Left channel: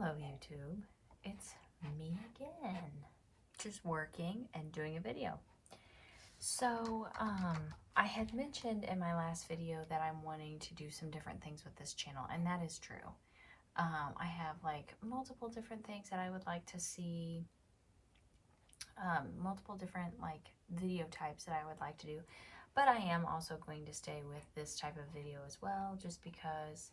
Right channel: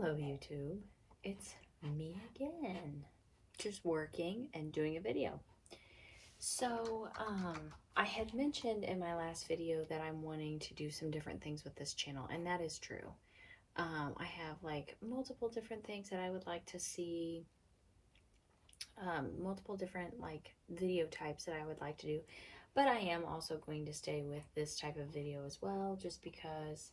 Hello YouTube, it's me again, just working and doing a video. So, I had mentioned in my last video that I'm wanting to do some different things with this channel, and that is true. I have like multiple different things that I would like to see, multiple different like video types that I would like to do, but I am also going to stay with this type of video as well, just because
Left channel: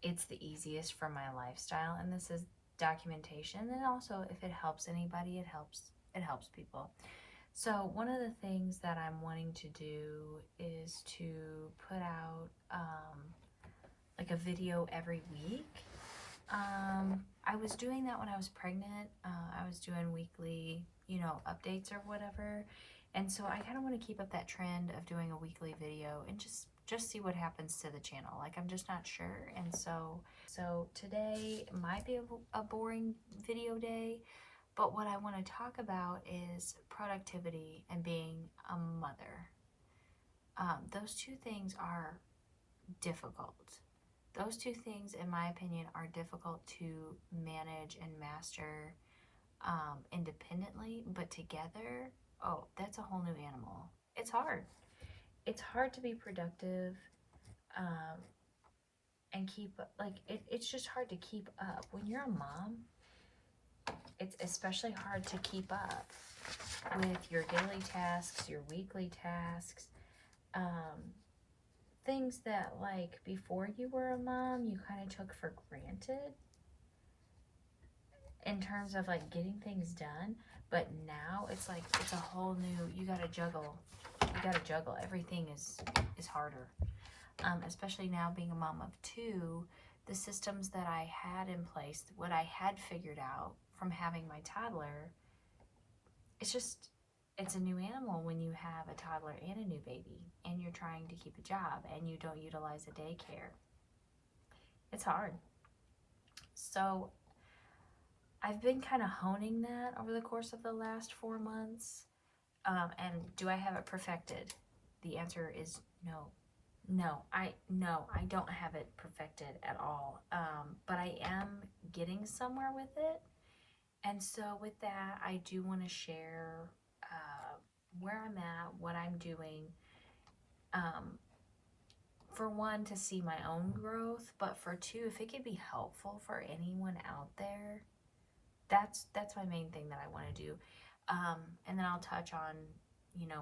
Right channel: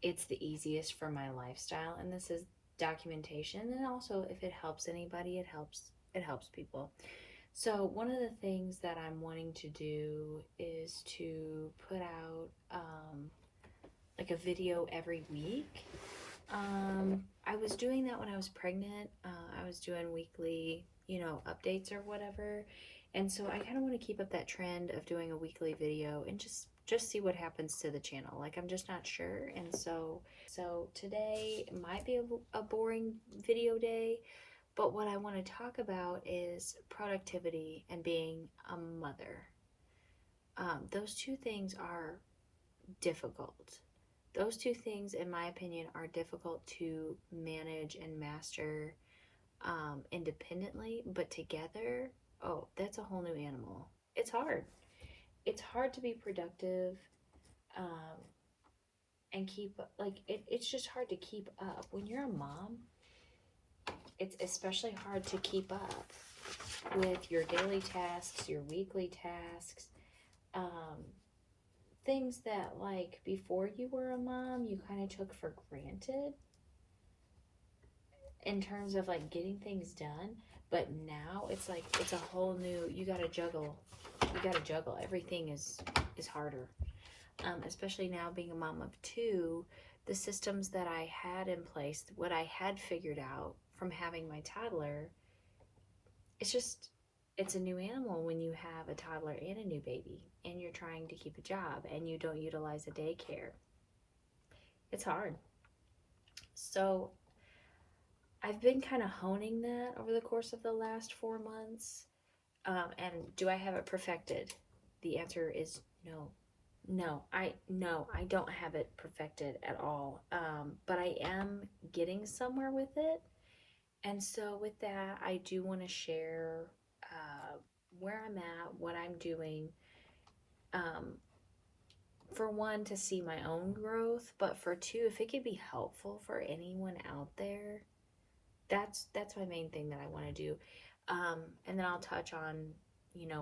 it's the easiest for my lifestyle, and this is documentation, and also if it helps anybody, it helps people. So one of the things that I'm wanting to do is to put out like a video every week. I was doing that when I was pregnant. I was doing weekly, updates or whatever, and so I kind of want to keep up that trend of doing a weekly video and just see what happens to the channel. Like, I'm just not sure. And so today might be a boring video day, but what I want to talk about is productivity and being a mother. Those two things are difficult. Those two things, in my opinion, are difficult to manage and master independently, but together, oh, that's a whole new animal. It's hard. It's hard to be productive um, and keep, like, it's just hard to keep up. When you're a mom, it's especially hard to keep up with your daily tasks, your weekly tasks, things that, like, before you were a mom, you kind of took for granted in terms of, like, getting things done. But now it's like, it's a whole new, you gotta juggle. Everything is harder. Especially now being a mom of two, the systems that I had in place, what I had figured out from having my toddler, it's a new animal when you have a toddler and a new baby, and you're trying to keep a job, and you don't utilize a daycare. It's hard. So I've been kind of honing that over the course of the last 4 months. And do I have it perfected? The answer is no. No, I don't have it perfected at all. But I am getting somewhere with it. And so with that, I do want to share where I'm at, what I'm doing. For one, to see my own growth, but for two, if it could be helpful for anyone out there, that's my main thing that I want to do. And then I'll touch on,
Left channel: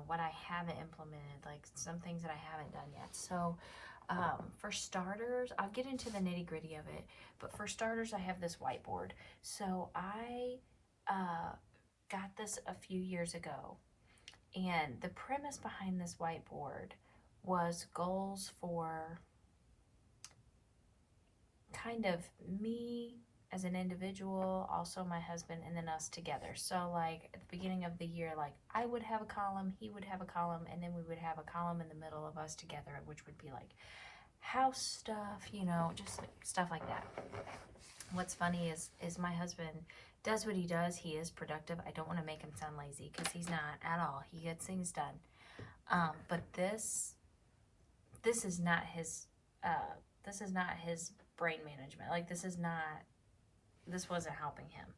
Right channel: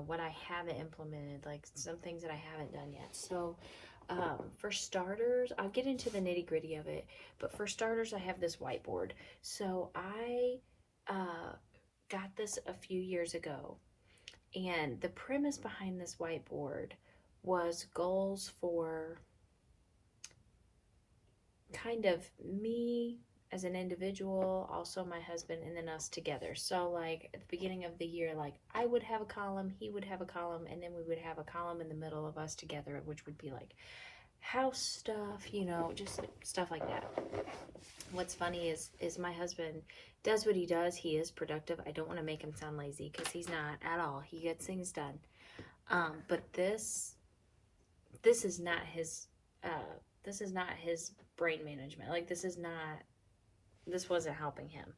what I haven't implemented, like some things that I haven't done yet. So for starters, I'll get into the nitty gritty of it, but for starters, I have this whiteboard. So I got this a few years ago, and the premise behind this whiteboard was goals for kind of me as an individual, also my husband, and then us together. So like at the beginning of the year, like I would have a column, he would have a column, and then we would have a column in the middle of us together, which would be like house stuff, just like stuff like that. What's funny is my husband does what he does. He is productive. I don't want to make him sound lazy, because he's not at all. He gets things done. But this is not his brain management. Like, this wasn't helping him.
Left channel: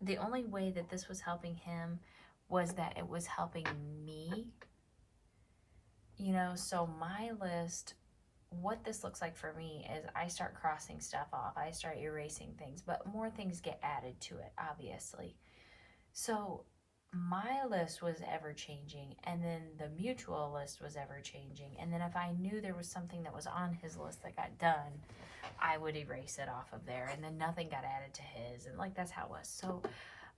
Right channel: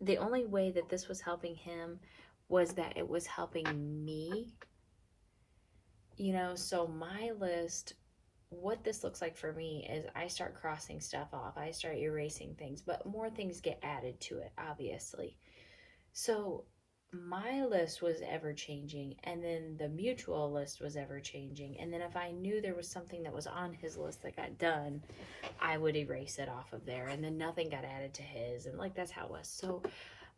The only way that this was helping him was that it was helping me. So my list, what this looks like for me is I start crossing stuff off. I start erasing things, but more things get added to it, obviously. So my list was ever changing, and then the mutual list was ever changing. And then if I knew there was something that was on his list that got done, I would erase it off of there, and then nothing got added to his, and like that's how it was. So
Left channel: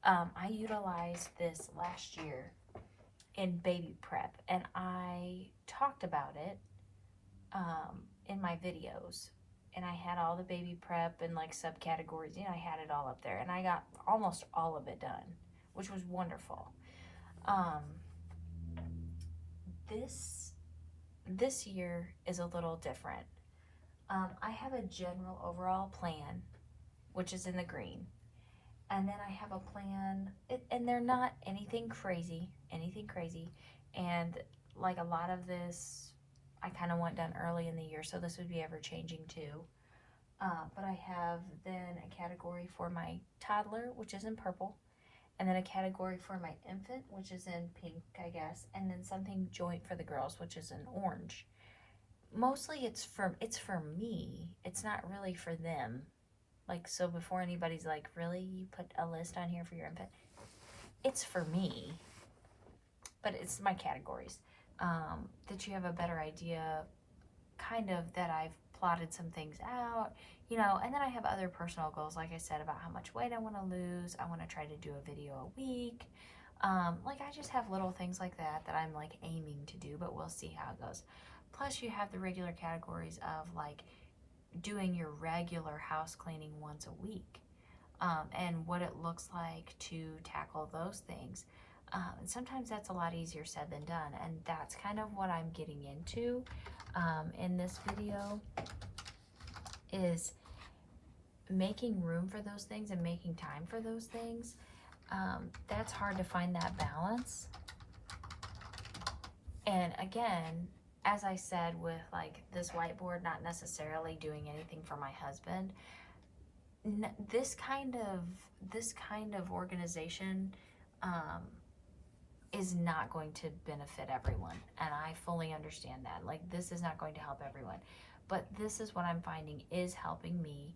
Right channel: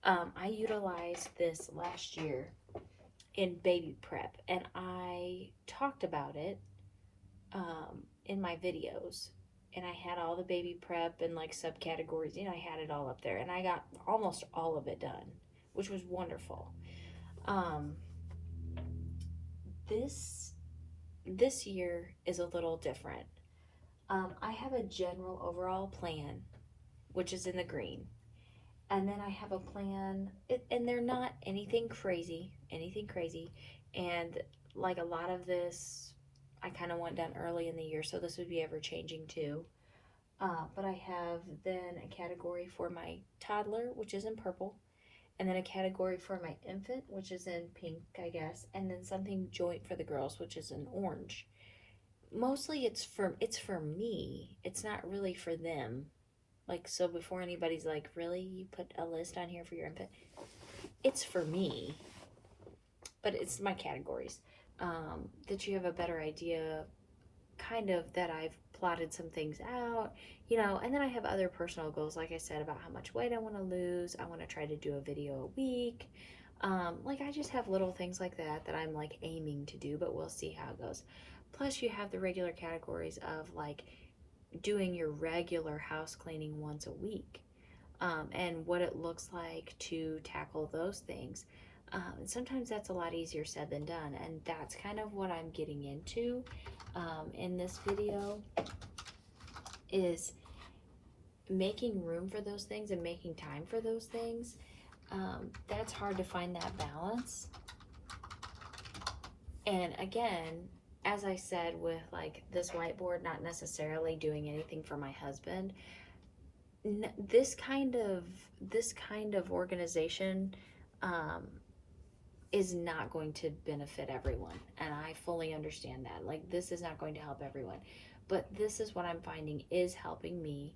I utilized this last year in baby prep, and I talked about it in my videos, and I had all the baby prep and like subcategories, I had it all up there, and I got almost all of it done, which was wonderful. This year is a little different. I have a general overall plan, which is in the green, and then I have a plan, and they're not anything crazy, and like a lot of this, I kind of want done early in the year, so this would be ever changing too. But I have then a category for my toddler, which is in purple, and then a category for my infant, which is in pink, I guess, and then something joint for the girls, which is in orange. Mostly it's for me. It's not really for them. Like, so before anybody's like, really, you put a list on here for your infant? It's for me, but it's my categories. That you have a better idea, kind of, that I've plotted some things out, and then I have other personal goals, like I said, about how much weight I want to lose. I want to try to do a video a week. Like, I just have little things like that I'm like aiming to do, but we'll see how it goes. Plus, you have the regular categories of like doing your regular house cleaning once a week, and what it looks like to tackle those things. And sometimes that's a lot easier said than done, and that's kind of what I'm getting into in this video, is making room for those things and making time for those things. That's hard to find that balance. And again, as I said, with like this whiteboard not necessarily doing anything for my husband, this kind of organization is not going to benefit everyone, and I fully understand that. Like, this is not going to help everyone, but this is what I'm finding is helping me.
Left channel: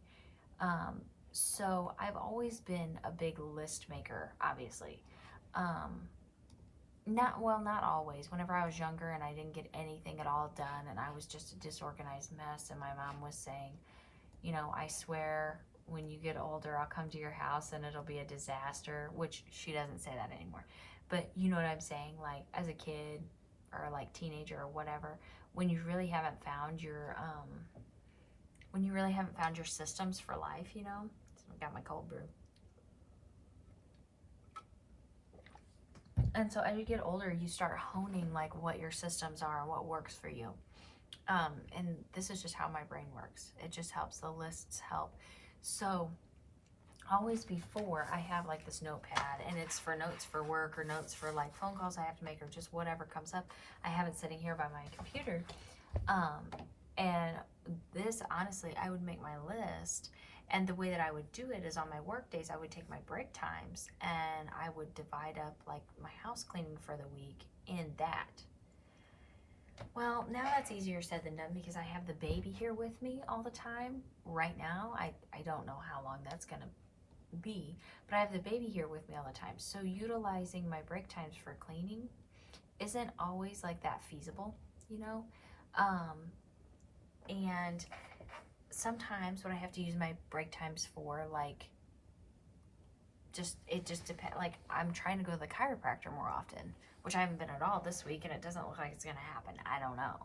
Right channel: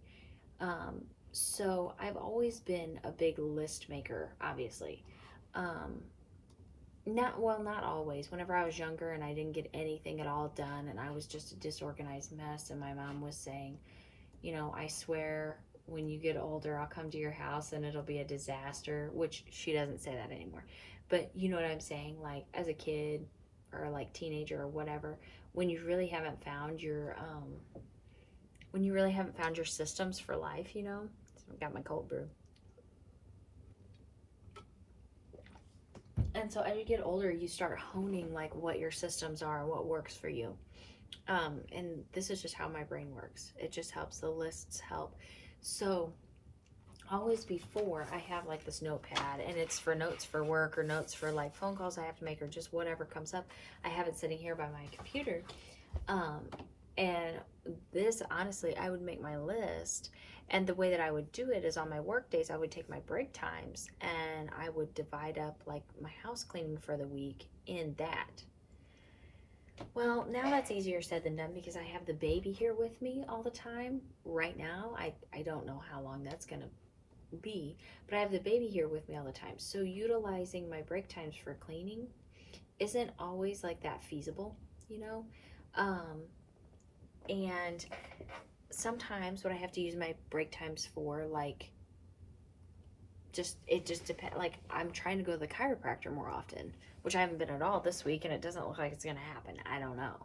So I've always been a big list maker, obviously. Not always. Whenever I was younger and I didn't get anything at all done and I was just a disorganized mess, and my mom was saying, I swear when you get older, I'll come to your house and it'll be a disaster, which she doesn't say that anymore. But you know what I'm saying? Like, as a kid or like teenager or whatever, when you really haven't found your systems for life, So I got my cold brew. And so as you get older, you start honing like what your systems are, what works for you. And this is just how my brain works. It just helps. The lists help. So always before, I have like this notepad, and it's for notes for work or notes for like phone calls I have to make or just whatever comes up. I have it sitting here by my computer. And this, honestly, I would make my list, and the way that I would do it is on my work days, I would take my break times and I would divide up like my house cleaning for the week in that. Well, now that's easier said than done because I have the baby here with me all the time. Right now, I don't know how long that's going to be, but I have the baby here with me all the time. So utilizing my break times for cleaning isn't always like that feasible, you know? And sometimes what I have to use my break times for, like, it just depends. Like, I'm trying to go to the chiropractor more often, which I haven't been at all this week, and it doesn't look like it's gonna happen. I don't know.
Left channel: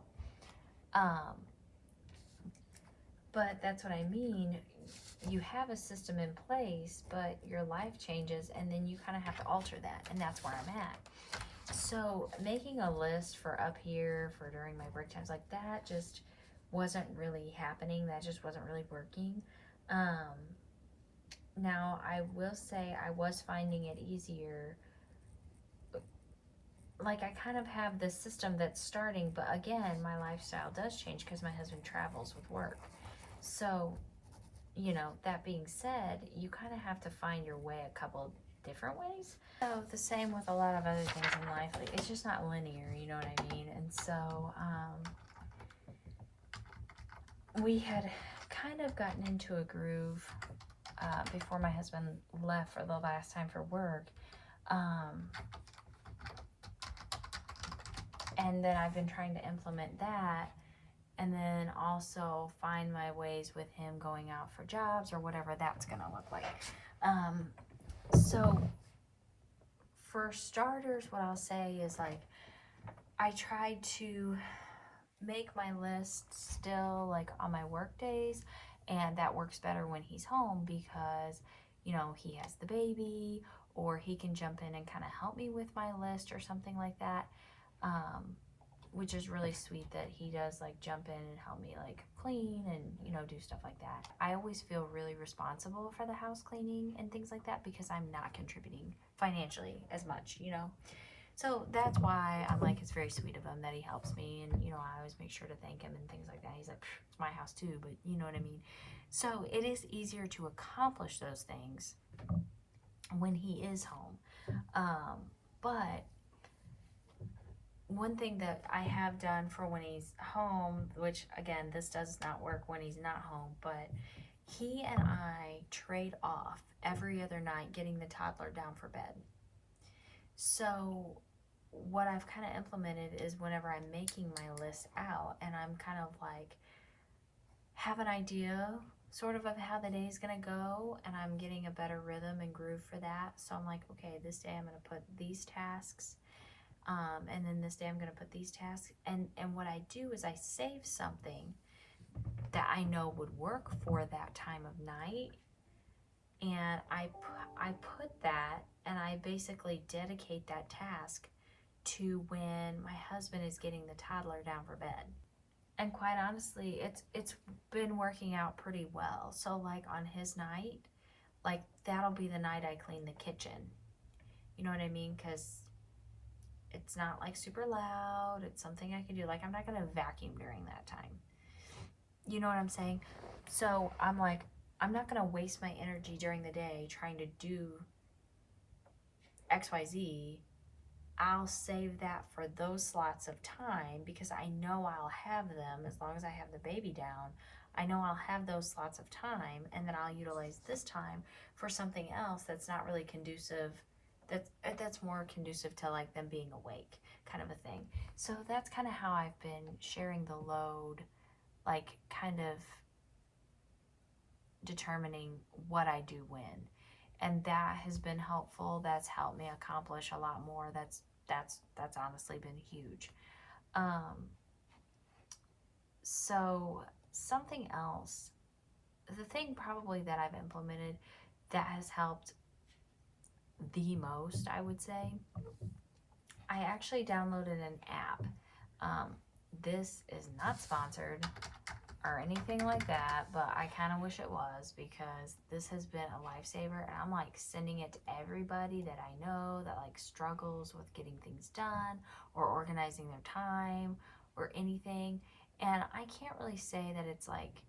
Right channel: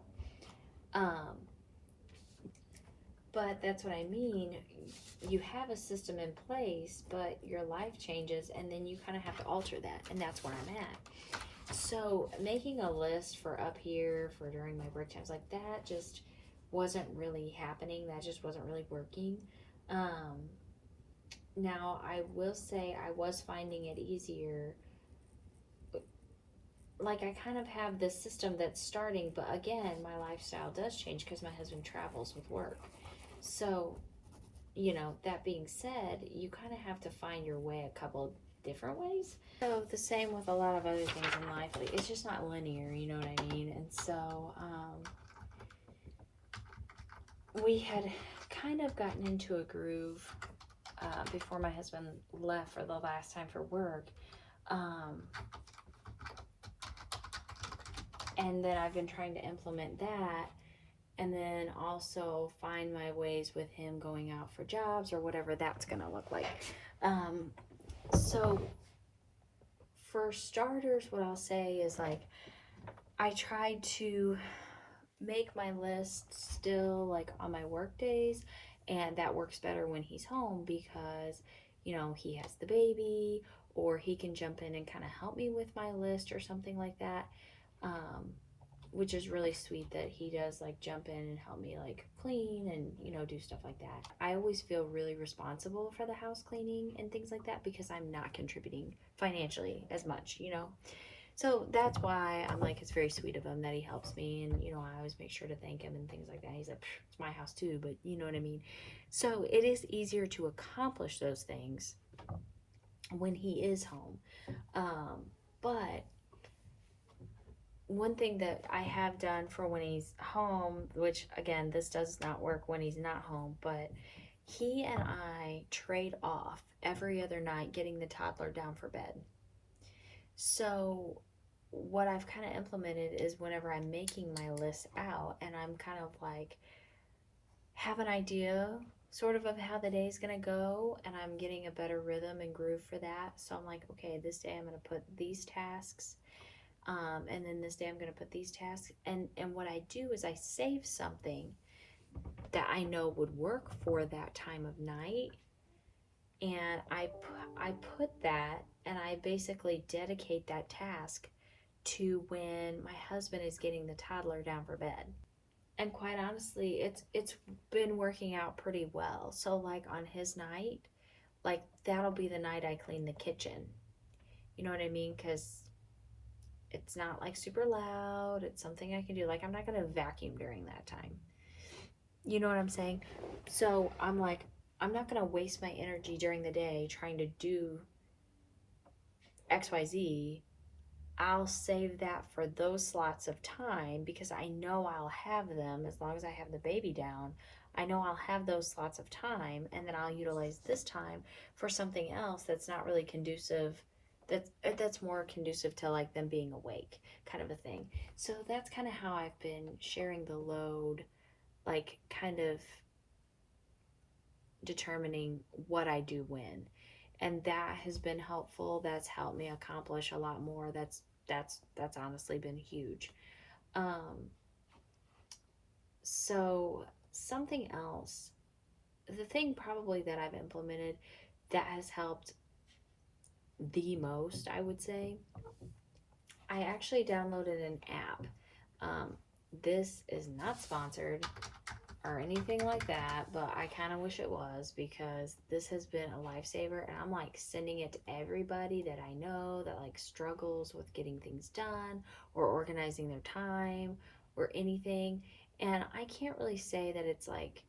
But that's what I mean. You have a system in place, but your life changes, and then you kind of have to alter that, and that's where I'm at. So making a list for up here for during my break times, like, that just wasn't really happening. That just wasn't really working. Now I will say I was finding it easier. Like, I kind of have this system that's starting, but again, my lifestyle does change because my husband travels with work. So, that being said, you kind of have to find your way a couple different ways. So the same with a lot of other things in life. Like, it's just not linear, you know what I mean? And so we had kind of gotten into a groove before my husband left for the last time for work. And then I've been trying to implement that, and then also find my ways with him going out for jobs or whatever that's gonna look like. So for starters, what I'll say is, like, I try to make my list still like on my work days, and that works better when he's home because he has the baby, or he can jump in and kind of help me with my list or something like that, which is really sweet that he does like jump in and help me like clean and do stuff like that. I always feel really responsible for the house cleaning and things like that because I'm not contributing financially as much. So that's why I'm like, it's very sweet of him that he helps me. And, I always make sure to thank him and things like that. He's like, it's my house too, but you know what I mean? So it is easier to accomplish those things when he is home. But one thing that I have done for when he's home, which again, this does not work when he's not home, but he and I trade off every other night getting the toddler down for bed. So, what I've kind of implemented is whenever I'm making my list out and I'm kind of like have an idea sort of how the day is going to go, and I'm getting a better rhythm and groove for that. So, I'm like, okay, this day I'm going to put these tasks. And then this day I'm going to put these tasks. And what I do is I save something that I know would work for that time of night, and I put that, and I basically dedicate that task to when my husband is getting the toddler down for bed. And quite honestly, it's been working out pretty well. So like on his night, like that'll be the night I clean the kitchen. You know what I mean? Cuz it's not like super loud. It's something I can do. Like I'm not going to vacuum during that time. You know what I'm saying? So I'm like, I'm not going to waste my energy during the day trying to do XYZ. I'll save that for those slots of time because I know I'll have them as long as I have the baby down. I know I'll have those slots of time, and then I'll utilize this time for something else that's not really conducive, that's more conducive to like them being awake, kind of a thing. So that's kind of how I've been sharing the load, like kind of determining what I do when. And that has been helpful. That's helped me accomplish a lot more. That's honestly been huge. Um, so something else, the thing probably that I've implemented that has helped the most, I would say, I actually downloaded an app. Um, this is not sponsored or anything like that, but I kind of wish it was because this has been a lifesaver, and I'm like sending it to everybody that I know that like struggles with getting things done or organizing their time or anything. And I can't really say that it's like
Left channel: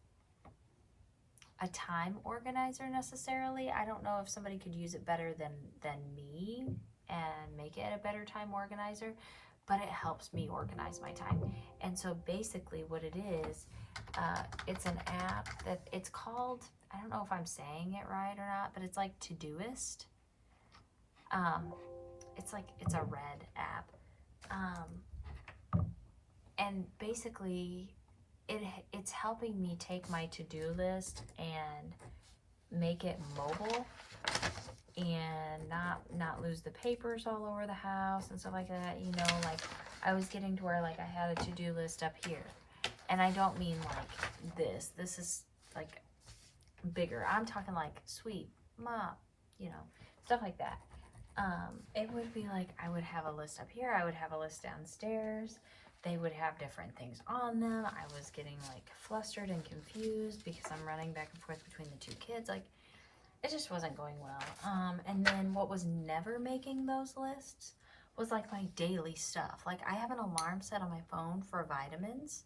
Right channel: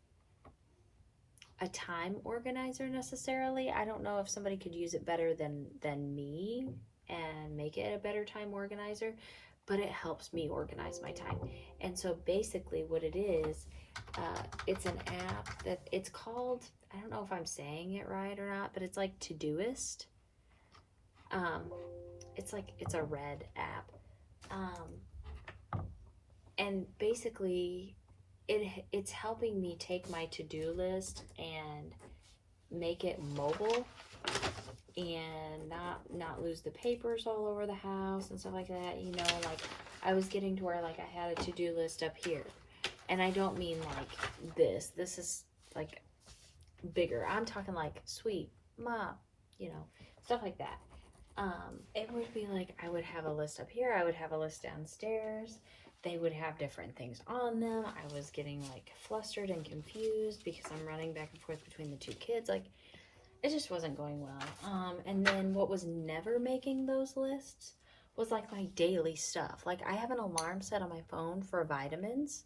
a time organizer necessarily. I don't know if somebody could use it better than me and make it a better time organizer, but it helps me organize my time. And so basically what it is, it's an app that it's called, I don't know if I'm saying it right or not, but it's like Todoist. Um, it's a red app. And basically it's helping me take my to-do list and make it mobile and not lose the papers all over the house and stuff like that. Like I was getting to where like I had a to-do list up here, and I don't mean like this is like bigger. I'm talking like sweet mop, stuff like that. It would be like I would have a list up here, I would have a list downstairs. They would have different things on them. I was getting like flustered and confused because I'm running back and forth between the two kids. Like it just wasn't going well. And then what was never making those lists was like my daily stuff. Like I have an alarm set on my phone for vitamins.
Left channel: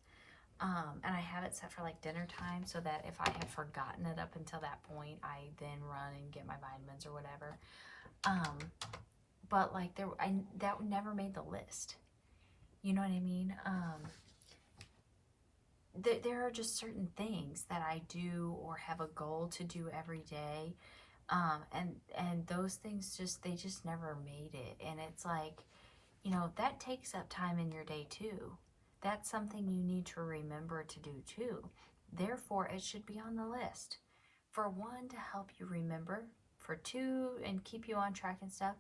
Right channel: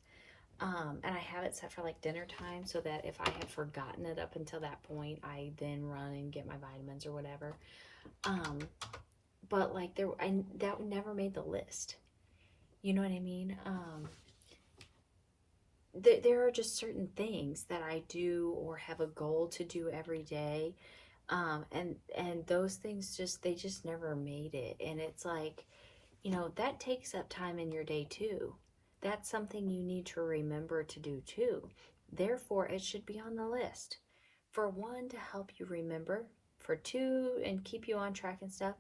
And I have it set for like dinner time so that if I have forgotten it up until that point, I then run and get my vitamins or whatever. Um, but like that never made the list. You know what I mean? There are just certain things that I do or have a goal to do every day, and those things just never made it. And it's like, that takes up time in your day too. That's something you need to remember to do too. Therefore, it should be on the list. For one, to help you remember. For two, and keep you on track and stuff.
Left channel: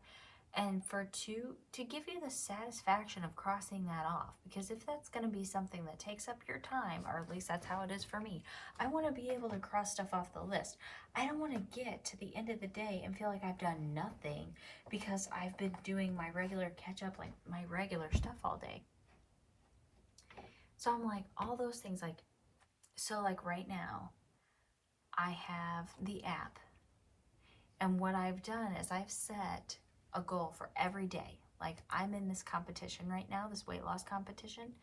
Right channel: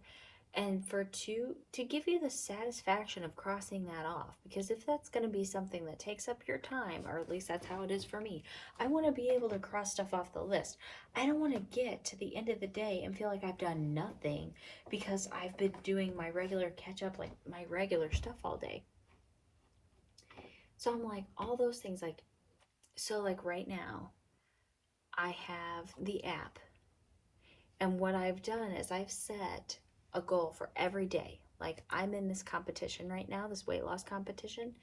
And for two, to give you the satisfaction of crossing that off. Because if that's going to be something that takes up your time, or at least that's how it is for me, I want to be able to cross stuff off the list. I don't want to get to the end of the day and feel like I've done nothing because I've been doing my regular catch up, like my regular stuff all day. So I'm like, all those things, like, so like right now, I have the app. And what I've done is I've set a goal for every day. Like, I'm in this competition right now, this weight loss competition.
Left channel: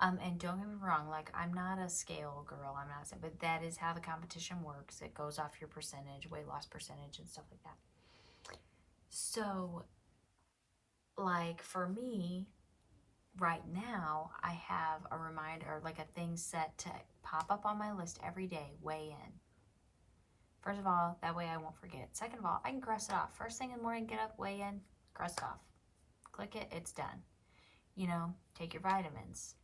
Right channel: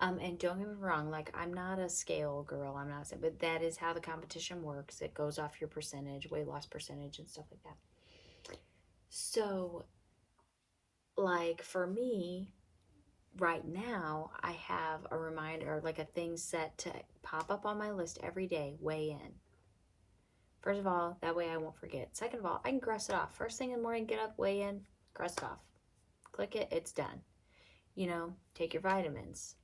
And don't get me wrong, like, I'm not a scale girl, I'm not saying, but that is how the competition works. It goes off your percentage, weight loss percentage, and stuff like that. So, like, for me, right now, I have a reminder, like a thing set to pop up on my list every day, weigh in. First of all, that way I won't forget. Second of all, I can cross it off. First thing in the morning, get up, weigh in, cross it off. Click it, it's done. You know, take your vitamins.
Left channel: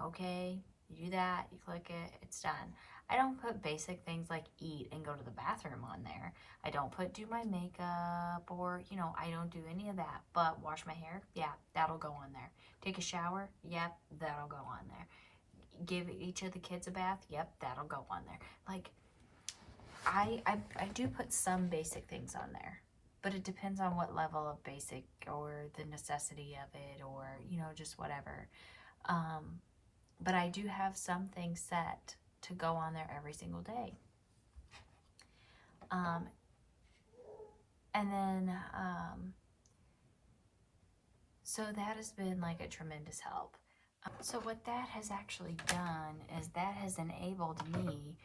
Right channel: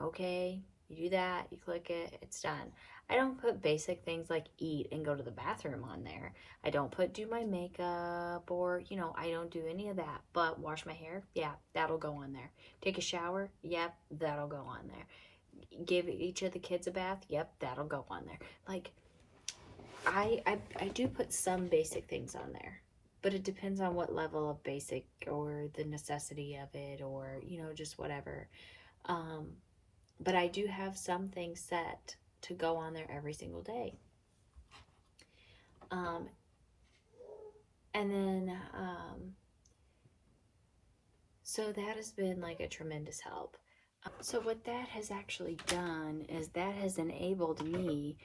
Okay, you do that, you click it, it's done. I don't put basic things like eat and go to the bathroom on there. I don't put do my makeup or, you know, I don't do any of that. But wash my hair, yeah, that'll go on there. Take a shower, yep, that'll go on there. Give each of the kids a bath, yep, that'll go on there. Like, I do put some basic things on there, but it depends on what level of basic or the necessity of it, or, you know, just whatever. Um, but I do have some things set to go on there every single day. Um, and then, so that has been like a tremendous help. So what that has actually done is that has enabled me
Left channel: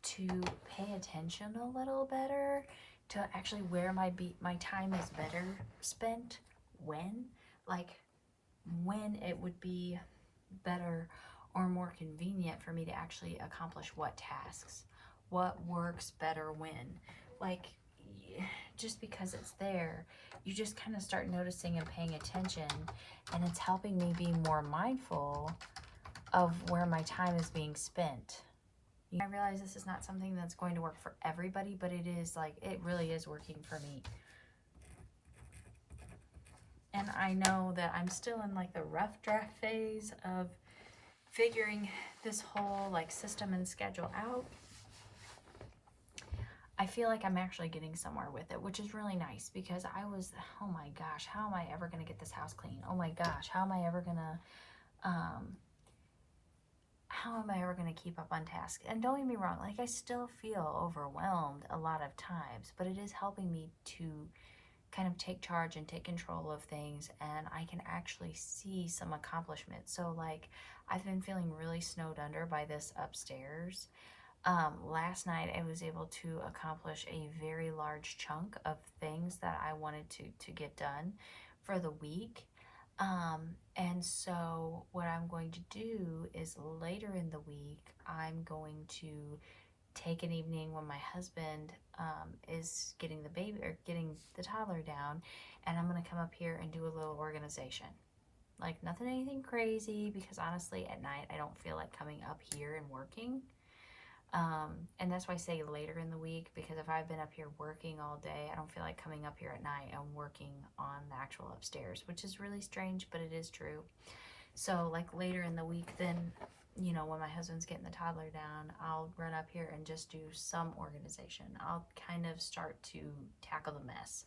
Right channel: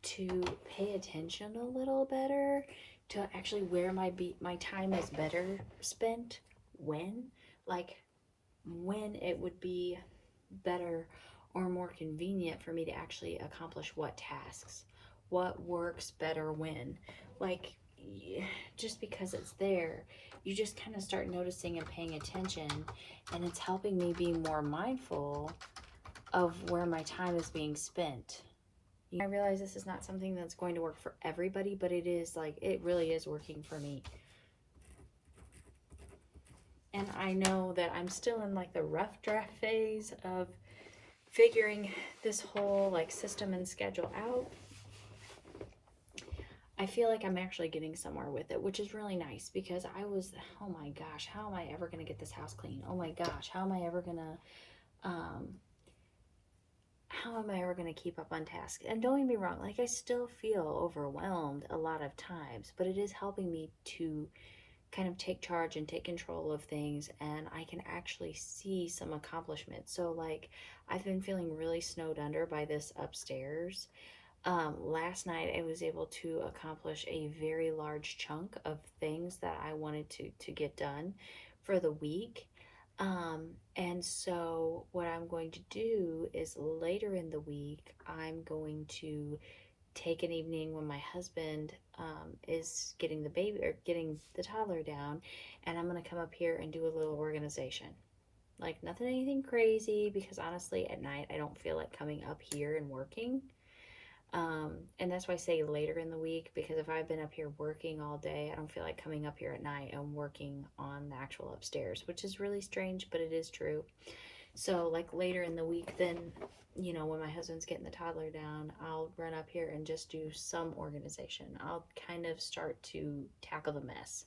to pay attention a little better, to actually where my time is better spent, when, like, when it would be better or more convenient for me to actually accomplish what tasks, what works better when. Like, just because it's there, you just kind of start noticing and paying attention, and it's helping me be more mindful of where my time is being spent. I realize this is not something that's going to work for everybody, but it is, like, it really is working for me. And I know that I'm still in like the rough draft phase of figuring this whole like system and schedule out. I feel like I'm actually getting somewhere with it, which is really nice, because I was, oh my gosh, how am I ever going to get this house clean? Oh my gosh, how am I ever going to, keep up on task? And don't get me wrong, like, I still feel overwhelmed a lot of times, but it is helping me to kind of take charge and take control of things, and I can actually see some accomplishment. So, like, I've been feeling really snowed under by this upstairs. Last night I was able to accomplish a very large chunk of things that I wanted to get done for the week. And so what I'm going to do is later in the week, I'm going to take an evening when my husband is getting the baby or getting the toddler down, and I'm going to come up here and do a little organization. Like, nothing, anything crazy, because honestly, at night, I don't feel like coming up here and working. And that's why I say later in the week, because if I've been up here working all day, I don't feel like coming up here at night and working on the actual upstairs, which is really strange, but it is true. So, like, later in the week, then, you know, when my husband's getting the toddler down, I'll run up here and just do some organization. I'll kind of start to tackle the mess.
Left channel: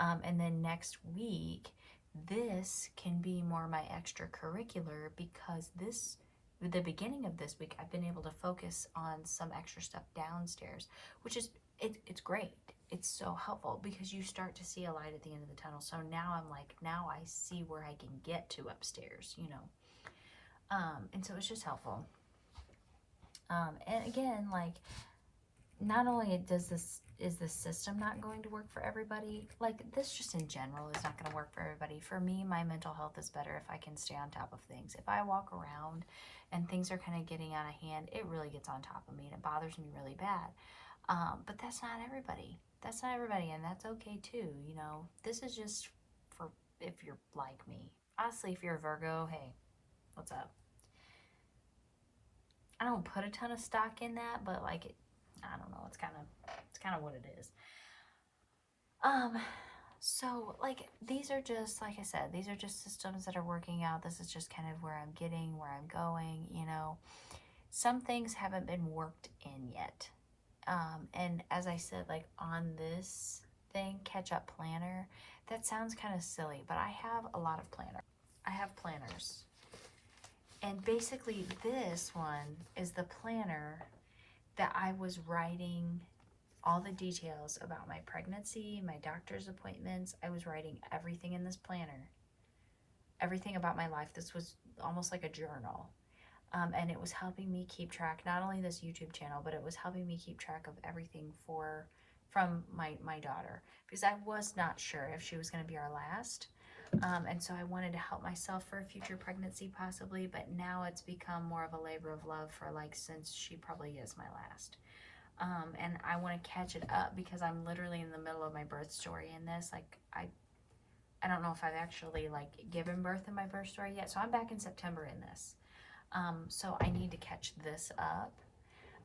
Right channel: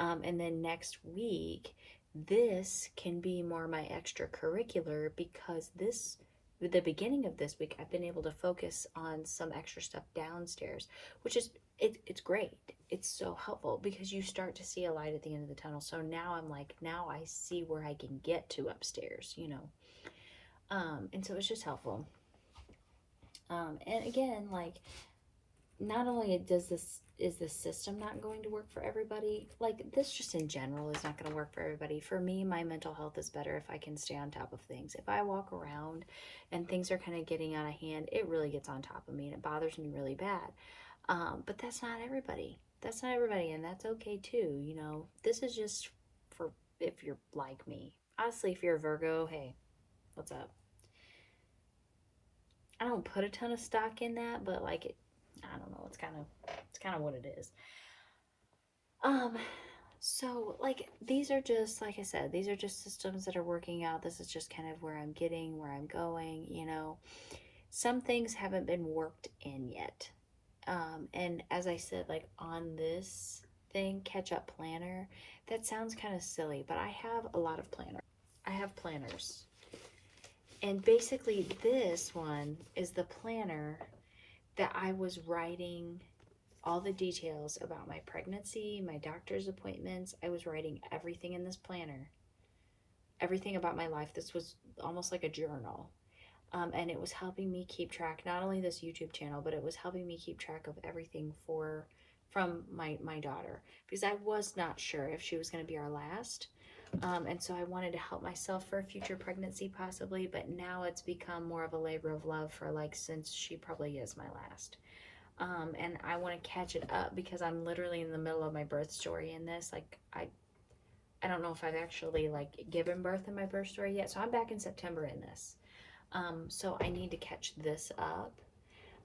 And then next week, this can be more my extracurricular, because the beginning of this week, I've been able to focus on some extra stuff downstairs, which is, it's great. It's so helpful, because you start to see a light at the end of the tunnel. So now I'm like, now I see where I can get to upstairs, you know. And so it's just helpful. And again, like, not only is this system not going to work for everybody, like, this just in general is not going to work for everybody. For me, my mental health is better if I can stay on top of things. If I walk around and things are kind of getting out of hand, it really gets on top of me and it bothers me really bad. But that's not everybody. That's not everybody, and that's okay too. You know, this is just for if you're like me. Honestly, if you're a Virgo, hey, what's up? I don't put a ton of stock in that, but like, I don't know, it's kind of what it is. So, like, these are just, like I said, these are just systems that are working out. This is just kind of where I'm getting, where I'm going, you know. Some things haven't been worked in yet. And as I said, like, on this thing, catch up planner, that sounds kind of silly, but I have a lot of planners. I have planners. And basically, this one is the planner that I was writing all the details about my pregnancy, my doctor's appointments. I was writing everything in this planner. everything about my life. This was almost like a journal. And it was helping me keep track, not only this YouTube channel, but it was helping me keep track of everything from my daughter, because I was not sure if she was going to be our last. And so I wanted to help myself for a future pregnancy possibly, but now it's become more of a labor of love for like, since she probably is my last. And I want to catch it up because I'm literally in the middle of my birth story in this. Like, I don't know if I've actually like given birth in my birth story yet. So I'm back in September in this. So I need to catch this up.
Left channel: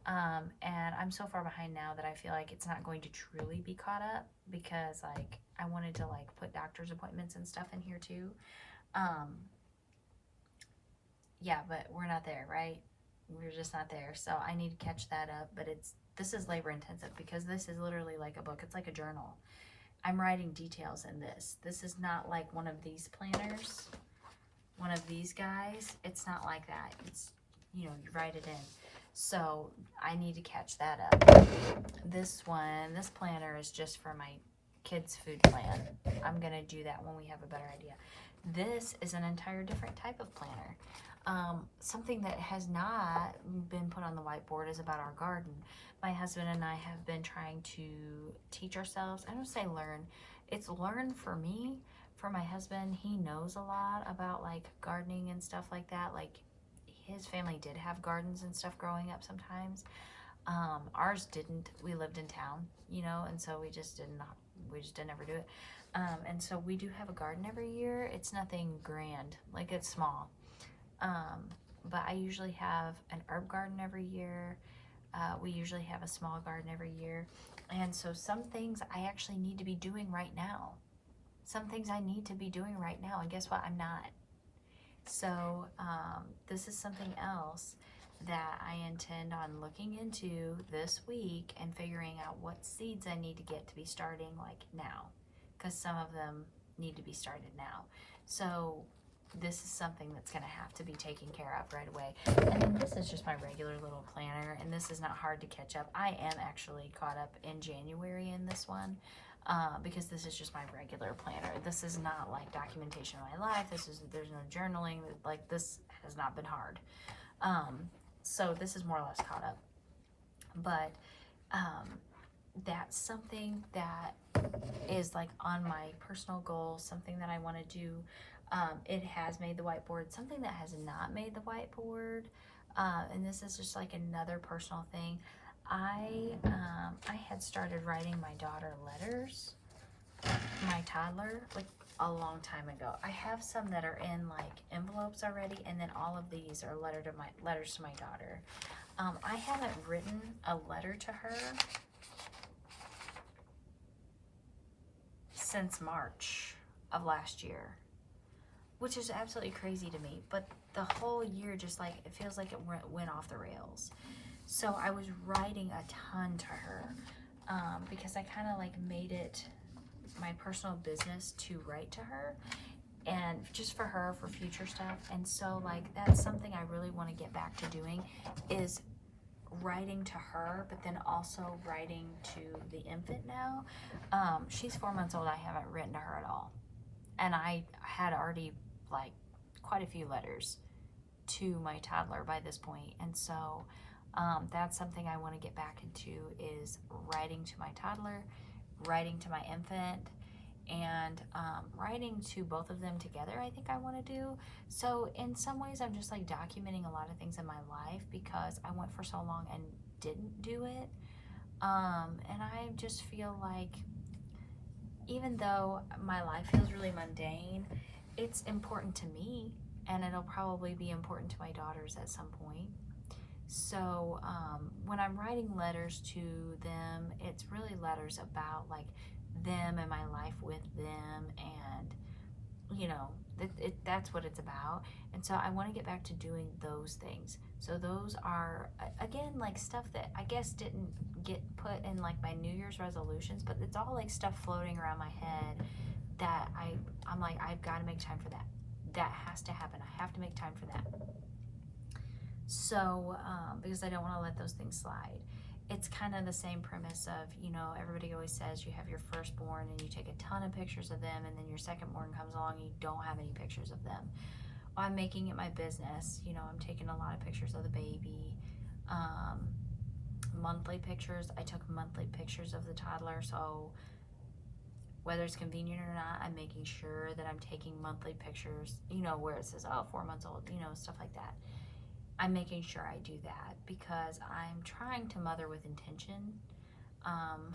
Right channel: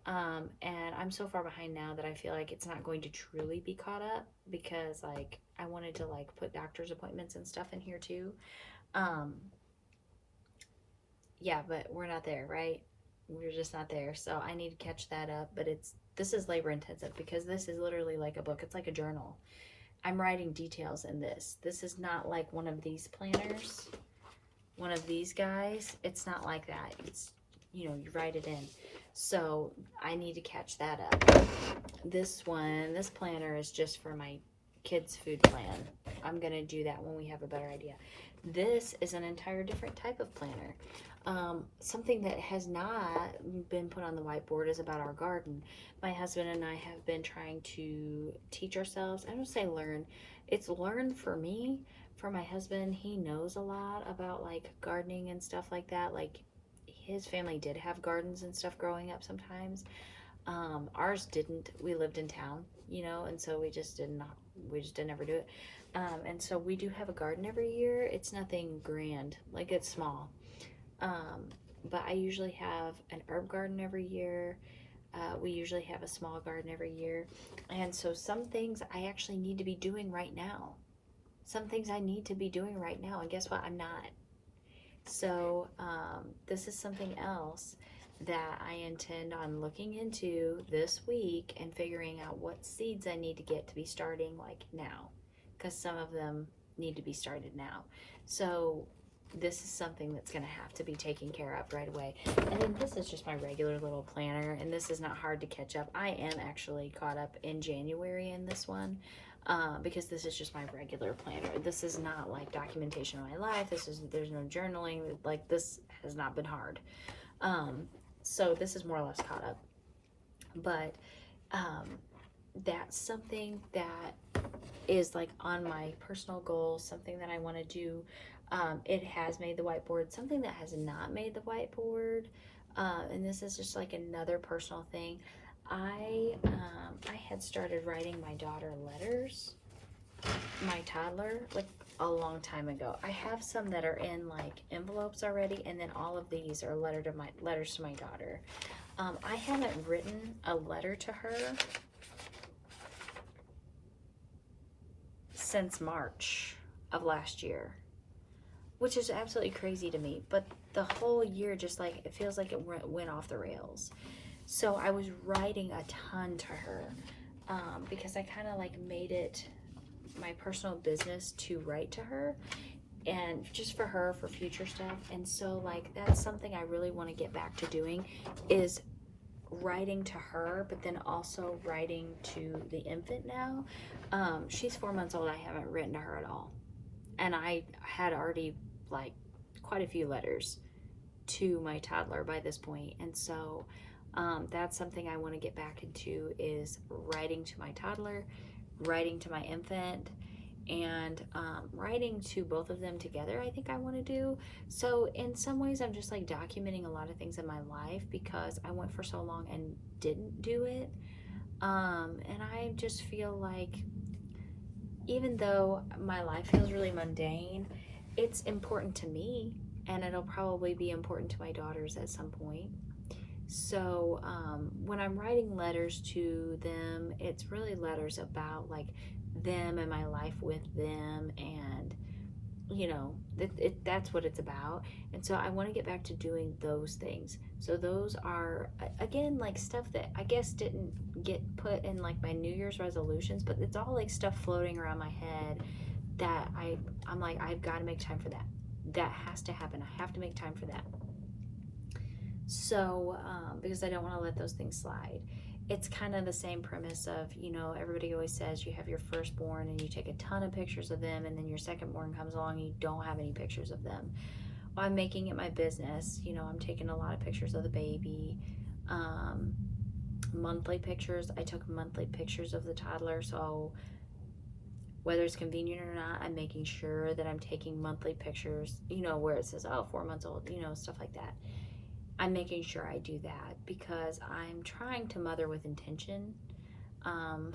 And I'm so far behind now that I feel like it's not going to truly be caught up, because like I wanted to like put doctor's appointments and stuff in here too. Um, yeah, but we're not there, right? We're just not there. So I need to catch that up. But this is labor intensive because this is literally like a book. It's like a journal. I'm writing details in this. This is not like one of these planners, one of these guys. It's not like that. It's, you know, you write it in. So I need to catch that up. This planner is just for my kids' food plan. I'm gonna do that when we have a better idea. This is an entire different type of planner. Something that has not been put on the whiteboard is about our garden. My husband and I have been trying to teach ourselves. I don't say learn. It's learn for me. For my husband, he knows a lot about like gardening and stuff like that. Like his family did have gardens and stuff growing up sometimes. Ours didn't. We lived in town, you know, and so we just didn't ever do it. And so we do have a garden every year. It's nothing grand, like it's small. But I usually have an herb garden every year. We usually have a small garden every year. And so some things I actually need to be doing right now. Some things I need to be doing right now. And guess what? I'm not. So this is something else that I intend on looking into this week and figuring out what seeds I need to get to be starting like now, because some of them need to be started now. So this is something that's going to have to be taken care of right away. And then this is just my regular little planner, and this is not hard to catch up. I am actually caught up in January in this one. Because this is just my regular planner. This is not like documentation of my life. There's no journaling. Like this has not been hard. So this is more or less caught up. But that's something that is like on my personal goals, something that I want to do. It has made the whiteboard. Something that has not made the whiteboard, and this is just like another personal thing. I had started writing my daughter letters, my toddler, like a long time ago. I have some that are in like envelopes already, and then all of these are letters to my daughter. I haven't written a letter to her since March of last year, which is absolutely crazy to me. But the whole year, just like it feels like it went off the rails. So I was writing a ton to her because I kind of like made it my personal business to write to her, and just for her, for future stuff. And so like that's something I really want to get back to doing, is writing to her, but then also writing to the infant now. She's 4 months old. I haven't written to her at all, and I had already like quite a few letters to my toddler by this point. And so that's something I want to get back into, is writing to my toddler, writing to my infant, and writing to both of them together. I think I want to do. So in some ways I'm just like documenting a lot of things in my life because I went for so long and didn't do it. And I just feel like even though my life feels really mundane, it's important to me, and it'll probably be important to my daughters at some point. So when I'm writing letters to them, it's really letters about like them and my life with them, and you know, that's what it's about. And so I want to get back to doing those things. So those are, again, like stuff that I guess didn't get put in like my New Year's resolutions, but it's all like stuff floating around my head that I'm like, I've got to make time for that. That has to happen. I have to make time for that. So because I don't want to let those things slide. it's kind of the same premise of, everybody always says you have your firstborn and you take a ton of pictures of them, and then your secondborn comes along and you don't have any pictures of them. Well, I'm making it my business. I'm taking a lot of pictures of the baby. Um, Monthly pictures. I took monthly pictures of the toddler, so whether it's convenient or not, I'm making sure that I'm taking monthly pictures, where it says, oh, 4 months old, stuff like that. I'm making sure I do that because I'm trying to mother with intention. Um,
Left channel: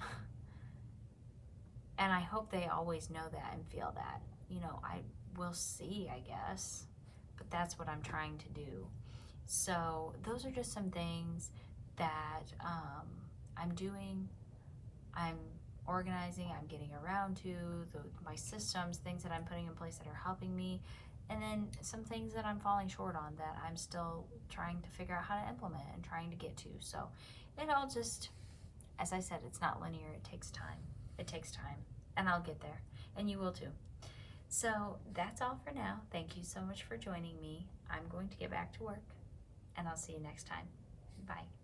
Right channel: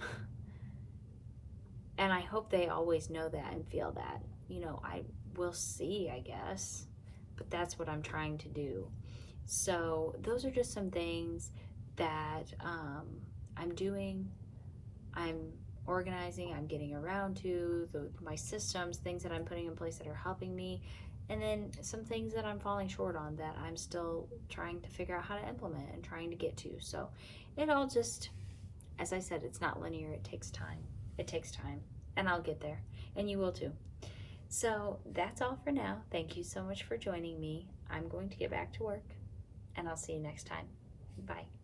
and I hope they always know that and feel that. I will see, I guess, but that's what I'm trying to do. So, those are just some things that I'm doing. I'm organizing, I'm getting around to my systems, things that I'm putting in place that are helping me, and then some things that I'm falling short on that I'm still trying to figure out how to implement and trying to get to. So it all just, as I said, it's not linear. It takes time. It takes time, and I'll get there, and you will too. So that's all for now. Thank you so much for joining me. I'm going to get back to work, and I'll see you next time. Bye.